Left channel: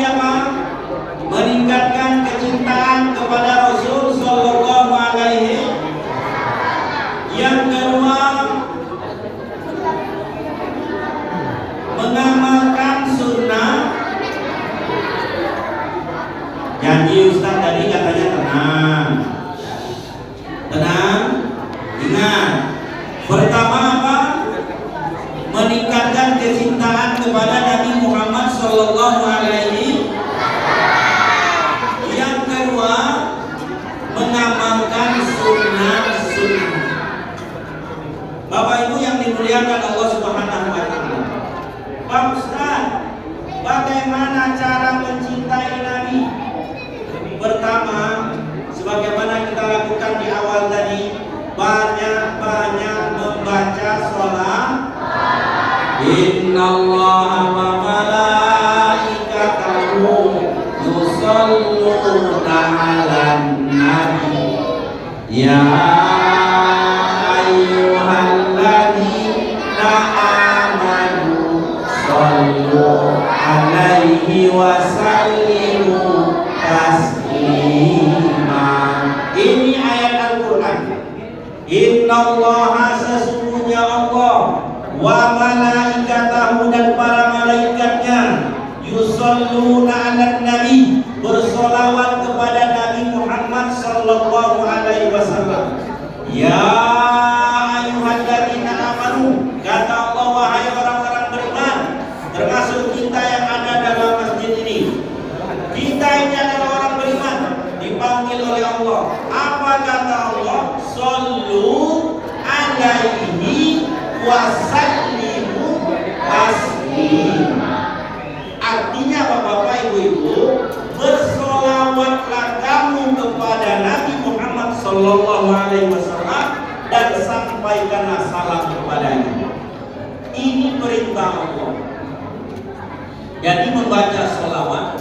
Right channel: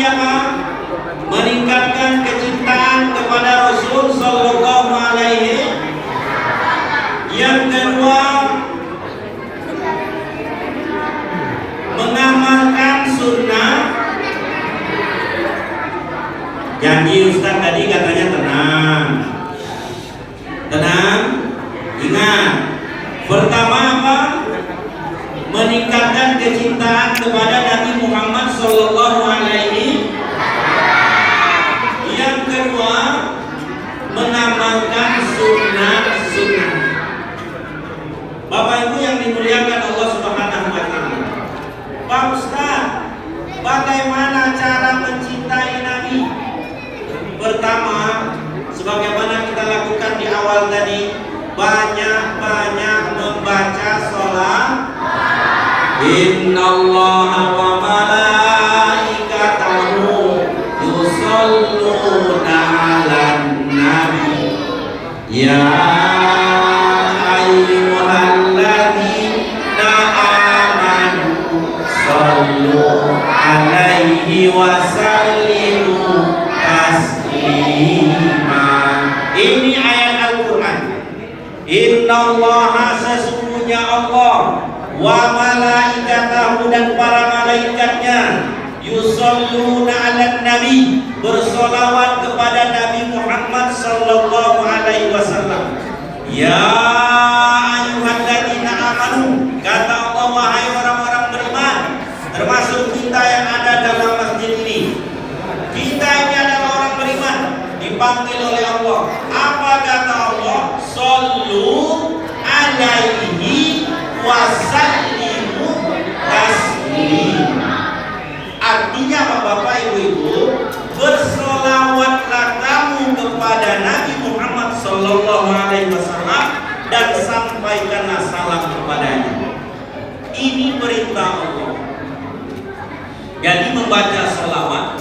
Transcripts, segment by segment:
tadi apa? Meningkatkan kecintaan kepada Rasul Sallallahu Alaihi. Yang kedua, mengamalkan sunnah. Janji Ustaz tadi katanya tenang. Tenang. Ingat. Pertama apa? Meningkatkan kecintaan kepada Nabi Muhammad Sallallahu Alaihi. Yang kedua, mengamalkan sunnah-sunnah. Bapak Ibu yang dimuliakan Allah Subhanahu wa Ta'ala. Pak Ustaz, bagaimana cara mencintai Nabi? Pertama, sebagaimana kita lakukan di awal tadi, banyak-banyak membaca sholat. Innallaha wa malaikatahu yusholluna 'alan nabi ya ayyuhalladzina amanu shollu 'alaihi wa sallimu taslima. Ini ayat Al-Quran. Innallaha, sesungguhnya Allah, wa malaikatahu, dan para malaikatnya, yusholluna 'alan nabi, bersolawat kepada Nabi Muhammad sallallahu alaihi wasallam. Ya ayyuhalladzina amanu, kata Allah, wahai orang-orang beriman, termasuk kita yang ada dalam masjid ini. Kita ini adalah orang beriman, dipanggil oleh Allah. Apa kata Allah? Shollu 'alaihi wasallimu taslima. Artinya apa Bapak Ibu-ibu? Bersolawatlah kamu kepada Nabi Muhammad Sallallahu Alaihi Wasallam dan sampaikanlah salam kepadanya. Ini perintah Allah. Jadi membaca solawat,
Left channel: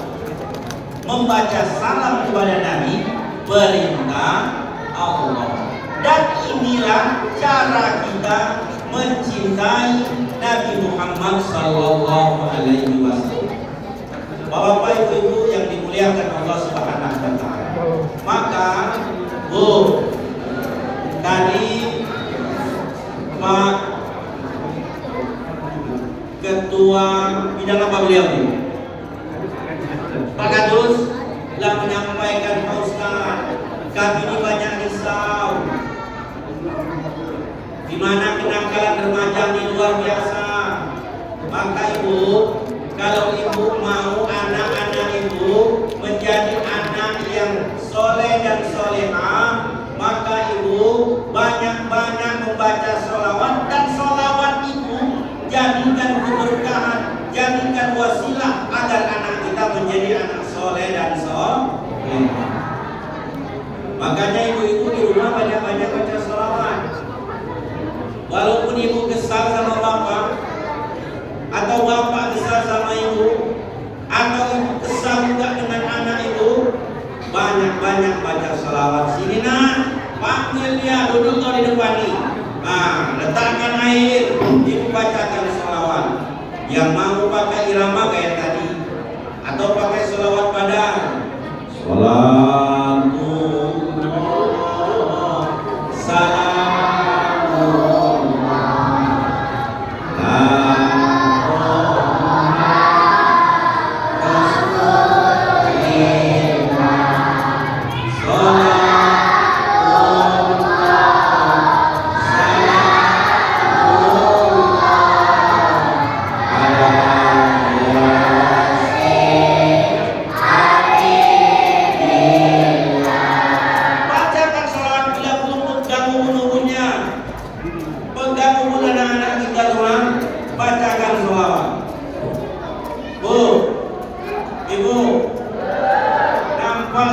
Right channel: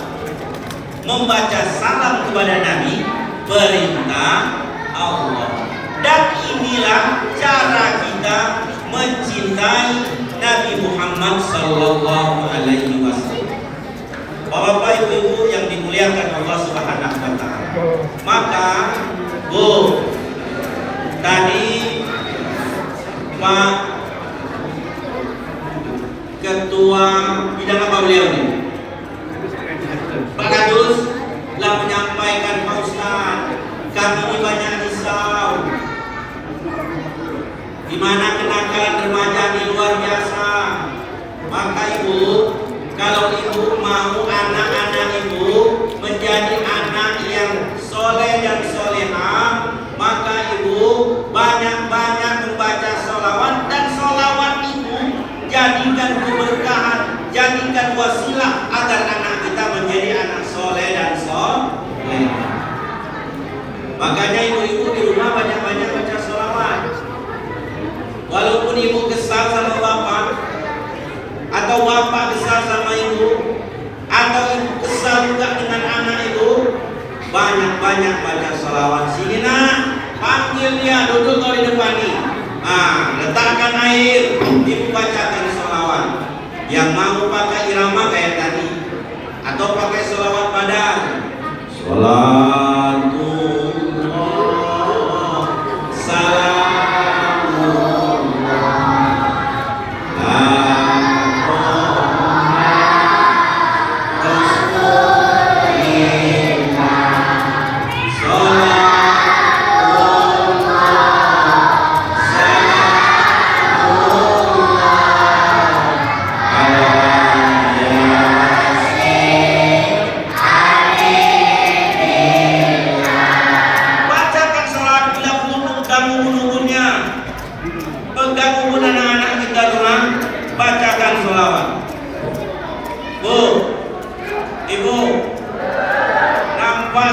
membaca salam kepada Nabi, perintah Allah. Dan inilah cara kita mencintai Nabi Muhammad Sallallahu Alaihi Wasallam. Bapak Ibu yang dimuliakan Allah Subhanahu wa Ta'ala. Maka Bu, tadi Pak Ketua bidang apa beliau ini? Pak Kadus telah menyampaikan, Pak Ustaz, kami ini banyak risau, di mana kenakalan remaja ini luar biasa. Maka Ibu, kalau Ibu mau anak-anak Ibu menjadi anak yang soleh dan solehah, maka Ibu banyak-banyak membaca sholawat, dan sholawat Ibu jadikan keberkahan, jadikan wasilah agar anak kita menjadi anak soleh dan soleh. Makanya ibu-ibu di rumah banyak-banyak baca sholawat. Walaupun ibu kesal sama bapak, atau bapak kesal sama ibu, atau ibu kesal juga dengan anak ibu, banyak-banyak baca sholawat. Sini nak, panggil dia, duduk di depan ini. Nah, letakkan air, ibu bacakan sholawat. Yang mau pakai irama kayak tadi, atau pakai sholawat pada Salatullah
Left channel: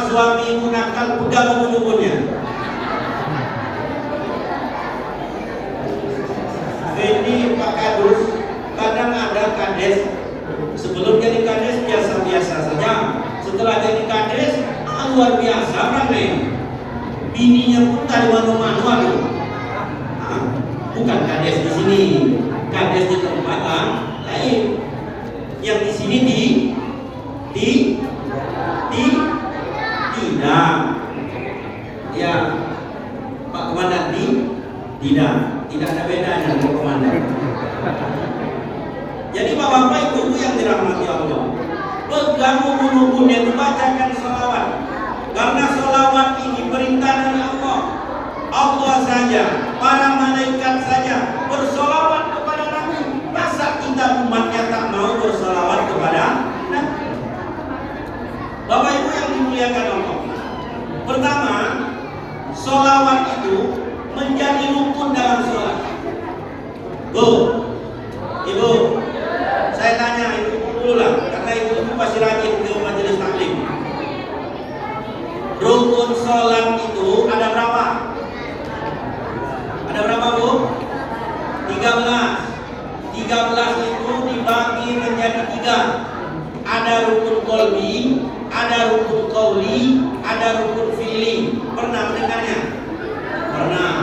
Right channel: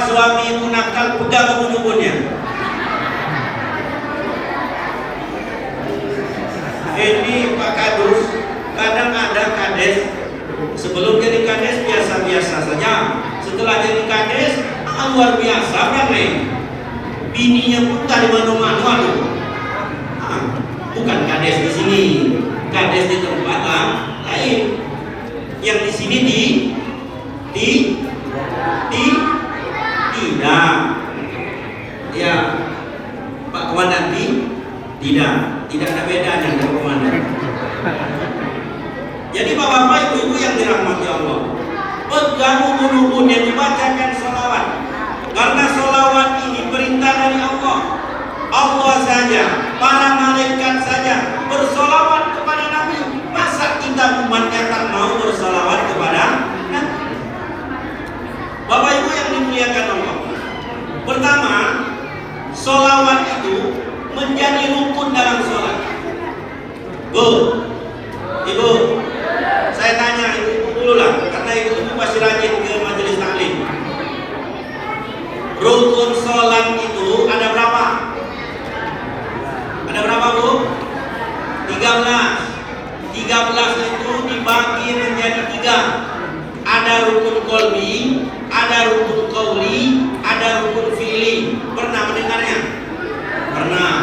suami ibu nakal, pegang ubun-ubunnya. Ini Pak Kadus, kadang ada kades, sebelum jadi kades biasa-biasa saja, setelah jadi kades luar biasa kan nih, bininya pun dari mana-mana tuh. Bukan kades di sini, kades di tempat lain, yang di sini di membacakan sholawat. Karena sholawat ini perintah dari Allah. Allah saja, para malaikat saja bersolawat kepada Nabi. Masa kita umatnya tak mau bersolawat kepada Nabi? Bapak Ibu yang dimuliakan Allah, pertama, sholawat itu menjadi rukun dalam sholat. Bu, Ibu, saya tanya ibu dulu lah, karena ibu pasti rajin ke majelis taklim. Rukun sholat itu ada berapa? Ada berapa, Bu? 13. 13 itu dibagi menjadi 3. Ada rukun qalbi, ada rukun qauli, ada rukun fi'li. Pernah mendengarnya? Pernah.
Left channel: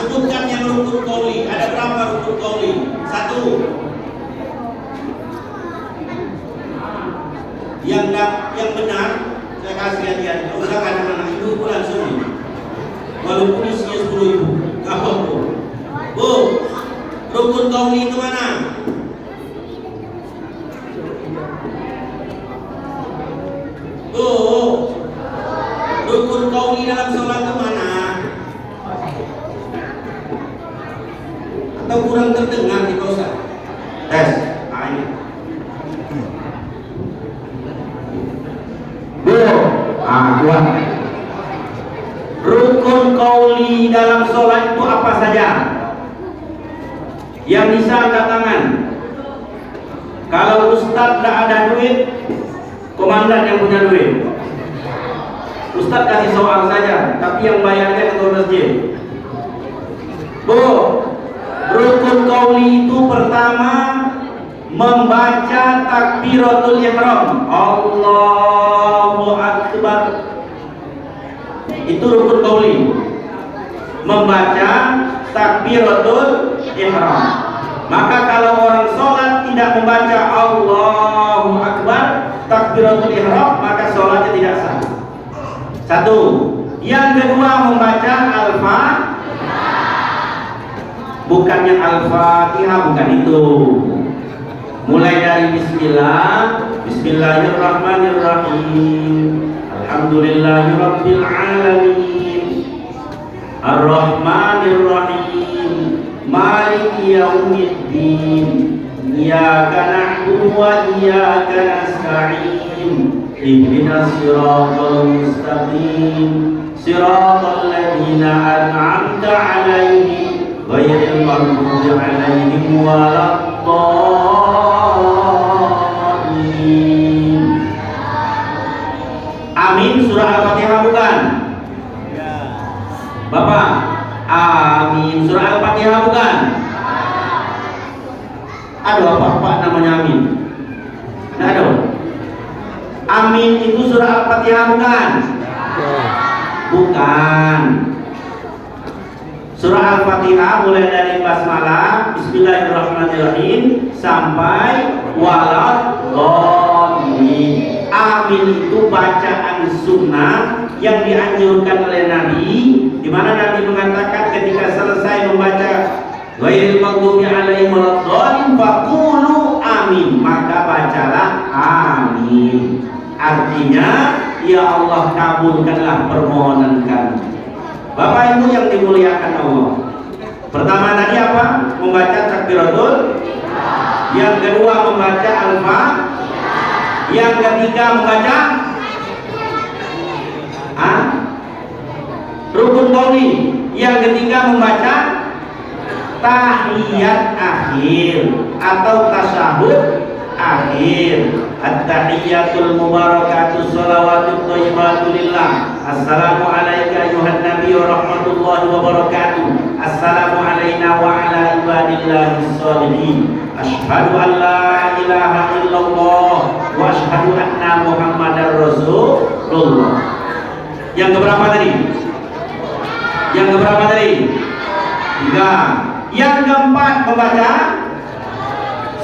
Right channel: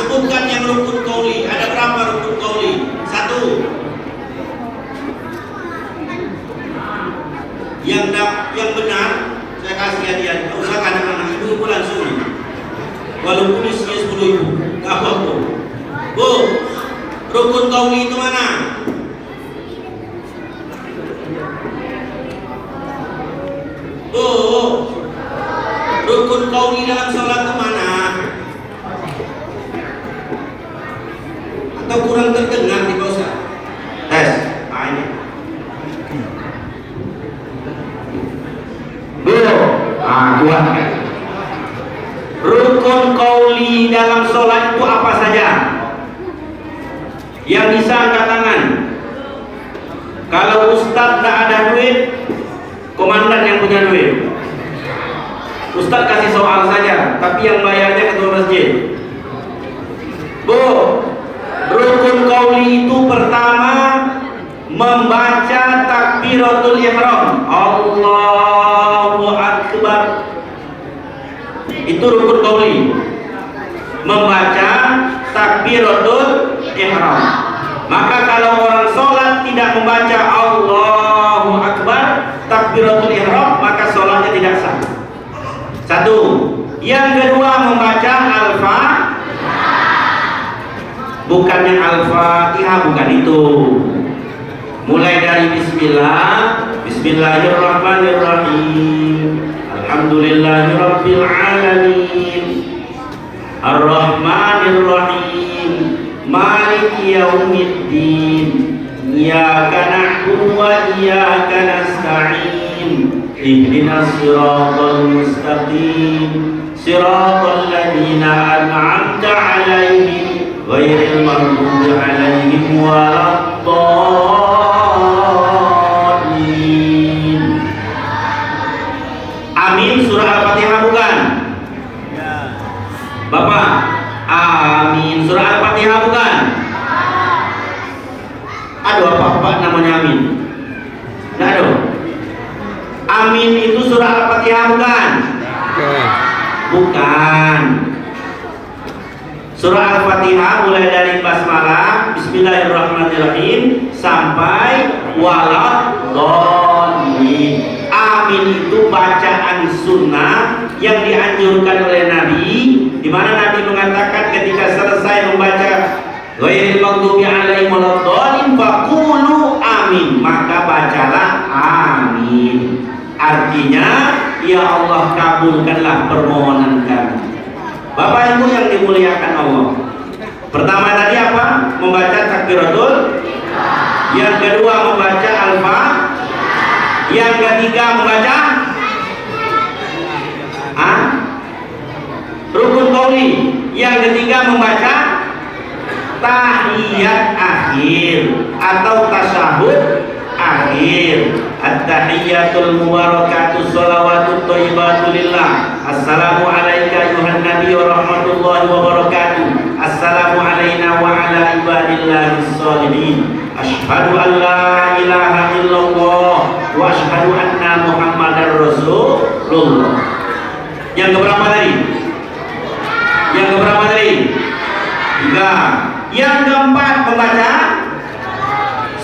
Sebutkan yang rukun qauli. Ada berapa rukun qauli? 1. Yang benar saya kasih hadiah. Usahakan anak ibu langsung. Walaupun isinya 10.000, nggak apa-apa. Bu, rukun qauli itu mana? Bu, rukun qauli dalam sholat itu mana? Atau kurang terdengar di bawah? Tes, ini. Bu, kuat. Rukun qauli dalam sholat itu apa saja? Yang bisa angkat tangan. Kalau Ustadz tak ada duit, komandan yang punya duit. Ustadz kasih soal saja, tapi yang bayarnya ketua masjid. Bu, rukun qauli itu pertama membaca takbiratul ihram. Allahu Akbar. Itu rukun qauli. Membaca takbiratul ihram. Maka kalau orang sholat tidak membaca Allahu Akbar, takbiratul ihram, maka sholatnya tidak sah. 1. Yang kedua membaca bukannya Al-Fatihah, bukan itu. Mulai dari Bismillahirrahmanirrahim. Alhamdulillahirabbil alamin. Ar-Rahmanirrahim. Maliki yaumiddin. Iyyaka na'budu wa iyyaka nasta'in. Ihdinas siratal mustaqim. Siratal ladzina an'amta 'alaihim ghairil maghdubi 'alaihim waladdallin. Amin. Surah Al-Fatihah bukan? Bapak, amin. Surah Al-Fatihah bukan? Aduh, apa namanya amin? Nggak ada. Amin itu surah Al-Fatihah bukan? Bukan. Surah Al-Fatihah mulai dari basmalah, Bismillahirrahmanirrahim sampai waladdallin. Amin itu bacaan sunnah yang dianjurkan oleh Nabi, di mana Nabi mengatakan ketika selesai membaca ghairil maghdubi 'alaihim waladdallin faqulu amin, maka bacalah amin. Artinya, ya Allah kabulkanlah permohonan kami. Bapak Ibu yang dimuliakan Allah, pertama tadi apa? Membaca takbiratul. Yang kedua membaca Al-Fatihah. Yang ketiga membaca rukun qauli. Yang ketiga membaca tahiyat akhir atau tasyahud akhir. At-tahiyyatul mubarakatuh shalawatut thayyibatu lillah. Assalamu alayka ayuhan nabiy wa rahmatullahi wa barakatuh. Assalamu alayna wa ala ibadillahis sholihin. Asyhadu an la ilaha illallah wa asyhadu anna muhammadar rasulullah. Yang keberapa tadi? Yang keberapa tadi? 3. Yang keempat membaca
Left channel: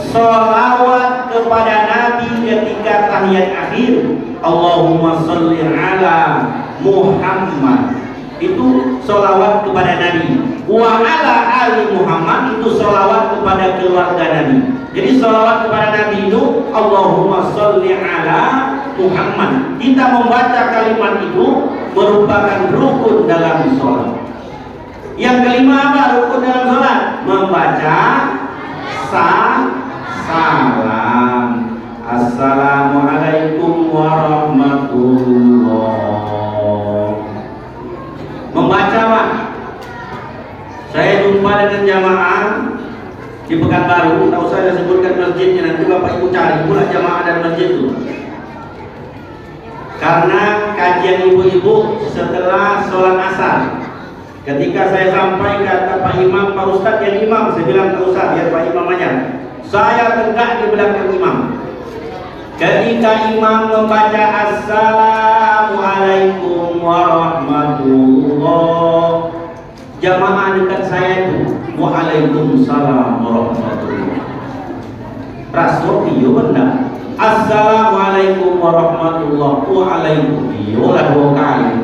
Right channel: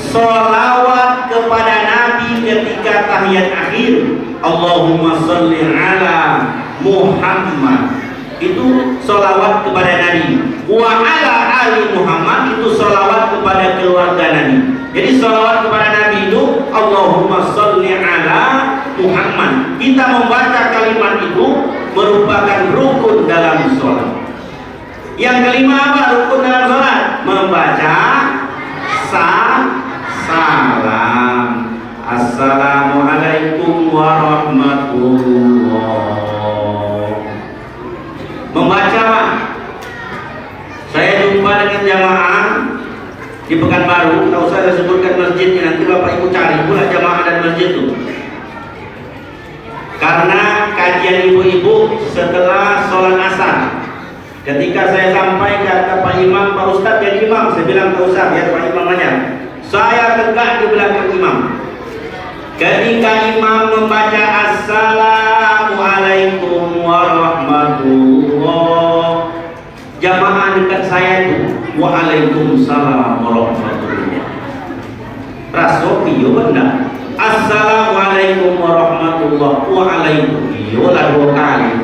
sholawat kepada Nabi ketika tahiyat akhir. Allahumma sholli ala Muhammad itu sholawat kepada Nabi. Wa ala ali Muhammad itu sholawat kepada keluarga Nabi. Jadi sholawat kepada Nabi itu Allahumma sholli ala Muhammad. Kita membaca kalimat itu merupakan rukun dalam sholat. Yang kelima apa rukun dalam sholat? Membaca salam. Assalamualaikum warahmatullah. Membaca Pak. Saya jumpa dengan jamaah di Pekanbaru. Tahu saya sebutkan masjidnya, nanti Bapak Ibu cari pula jamaah dan masjid itu. Karena kajian ibu-ibu setelah sholat asar, ketika saya sampai kata Pak Imam, Pak Ustadz jadi imam, saya bilang Pak Ustadz ya Pak Imam aja. Saya tegak di belakang imam. Ketika imam membaca Assalamualaikum warahmatullah, jamaah dekat saya itu Waalaikumsalam warahmatullah. Rasul benar. Assalamualaikum warahmatullah. Waalaikumsalam dua kali.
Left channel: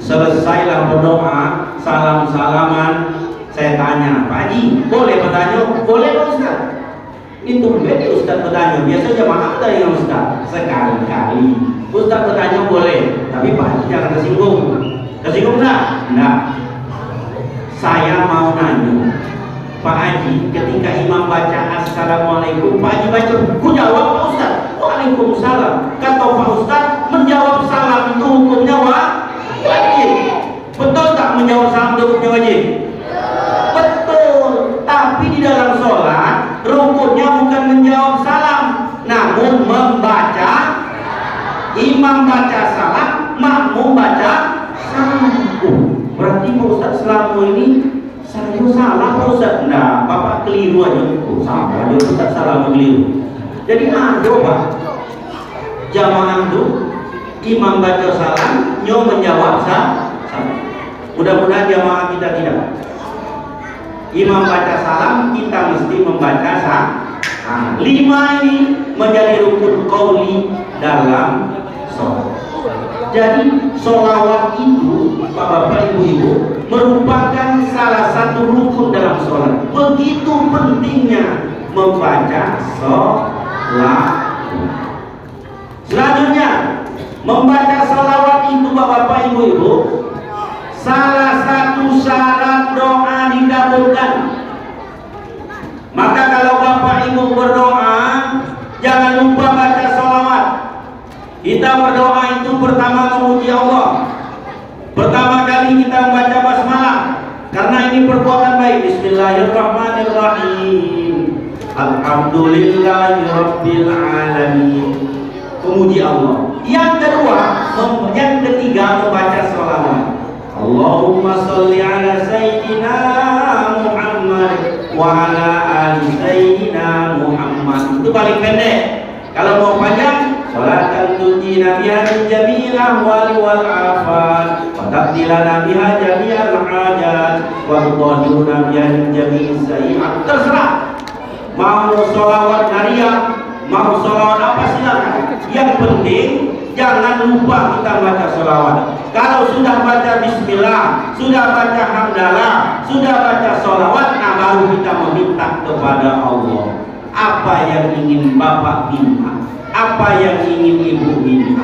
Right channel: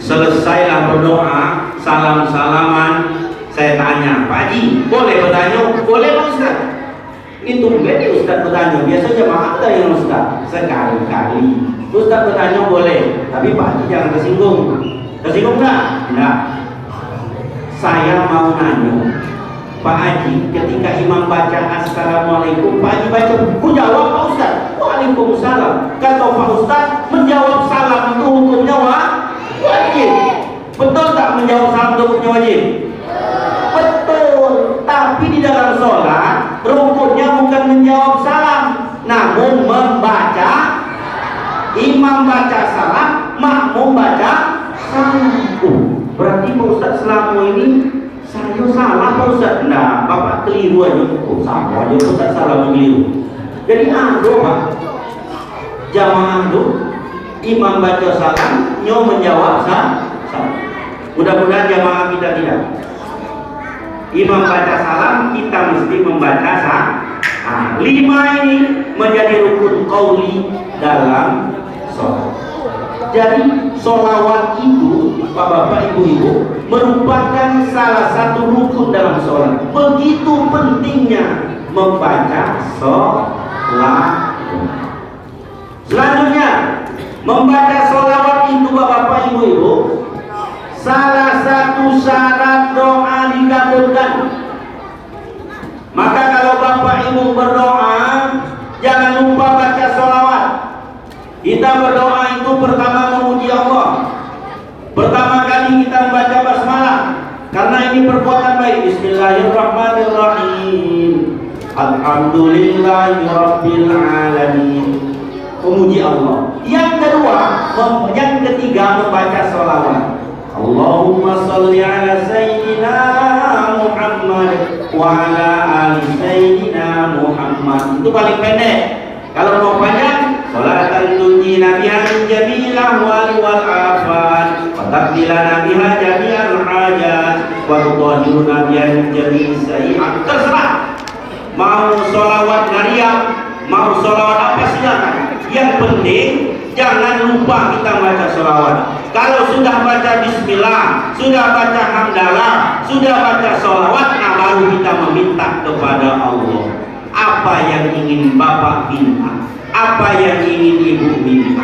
Selesailah berdoa, salam-salaman. Saya tanya, Pak Haji, boleh bertanya? Boleh Pak Ustaz. Ini tumben Ustaz bertanya. Biasanya jamaah ada yang Ustaz. Sekali-kali Ustaz bertanya boleh, tapi Pak Haji jangan tersinggung. Tersinggung enggak? Enggak. Saya mau nanya, Pak Haji, ketika imam baca Assalamualaikum, Pak Haji baca, ku jawab Pak Ustaz, Waalaikumsalam. Kata Pak Ustaz, menjawab salam itu hukumnya wajib. Betul tak menjawab salam itu hukumnya wajib? Betul. Tapi di dalam sholat, rukunnya bukan menjawab salam, namun membaca. Imam baca salam, makmum baca salam. Berarti Pak Ustaz selama ini saya salah Pak Ustaz. Nah, Bapak keliru aja. Oh, salah dia Ustaz salah keliru. Jadi ada Pak jamaah itu imam baca salam, nyo menjawab salam. Mudah-mudahan jamaah kita tidak. Imam baca salam, kita mesti membaca salam. Nah, 5 ini menjadi rukun qauli dalam sholat. Jadi sholawat itu Bapak Ibu merupakan salah satu rukun dalam sholat. Begitu pentingnya membaca sholat. Selanjutnya membaca sholawat itu Bapak Ibu salah satu syarat doa dikabulkan. Maka kalau Bapak Ibu berdoa jangan lupa baca sholawat. Kita berdoa itu pertama memuji Allah. Pertama kali kita membaca basmalah karena ini perbuatan baik. Bismillahirrahmanirrahim. Alhamdulillahirabbil alamin. Memuji Allah. Yang kedua, yang ketiga membaca sholawat. Allahumma sholli ala sayyidina Muhammad wa ala ali sayyidina Muhammad. Itu paling pendek. Kalau mau panjang, salatan tunjina biha min jami'il ahwali wal afat wa taqdilana biha jami'al hajat wa tudahhiruna biha min jami'is sayyi'at. Terserah. Mau sholawat harian, mau sholawat apa silakan. Yang penting jangan lupa kita baca sholawat. Kalau sudah baca bismillah, sudah baca hamdalah, sudah baca sholawat, nah baru kita meminta kepada Allah. Apa yang ingin Bapak minta, apa yang ingin Ibu minta,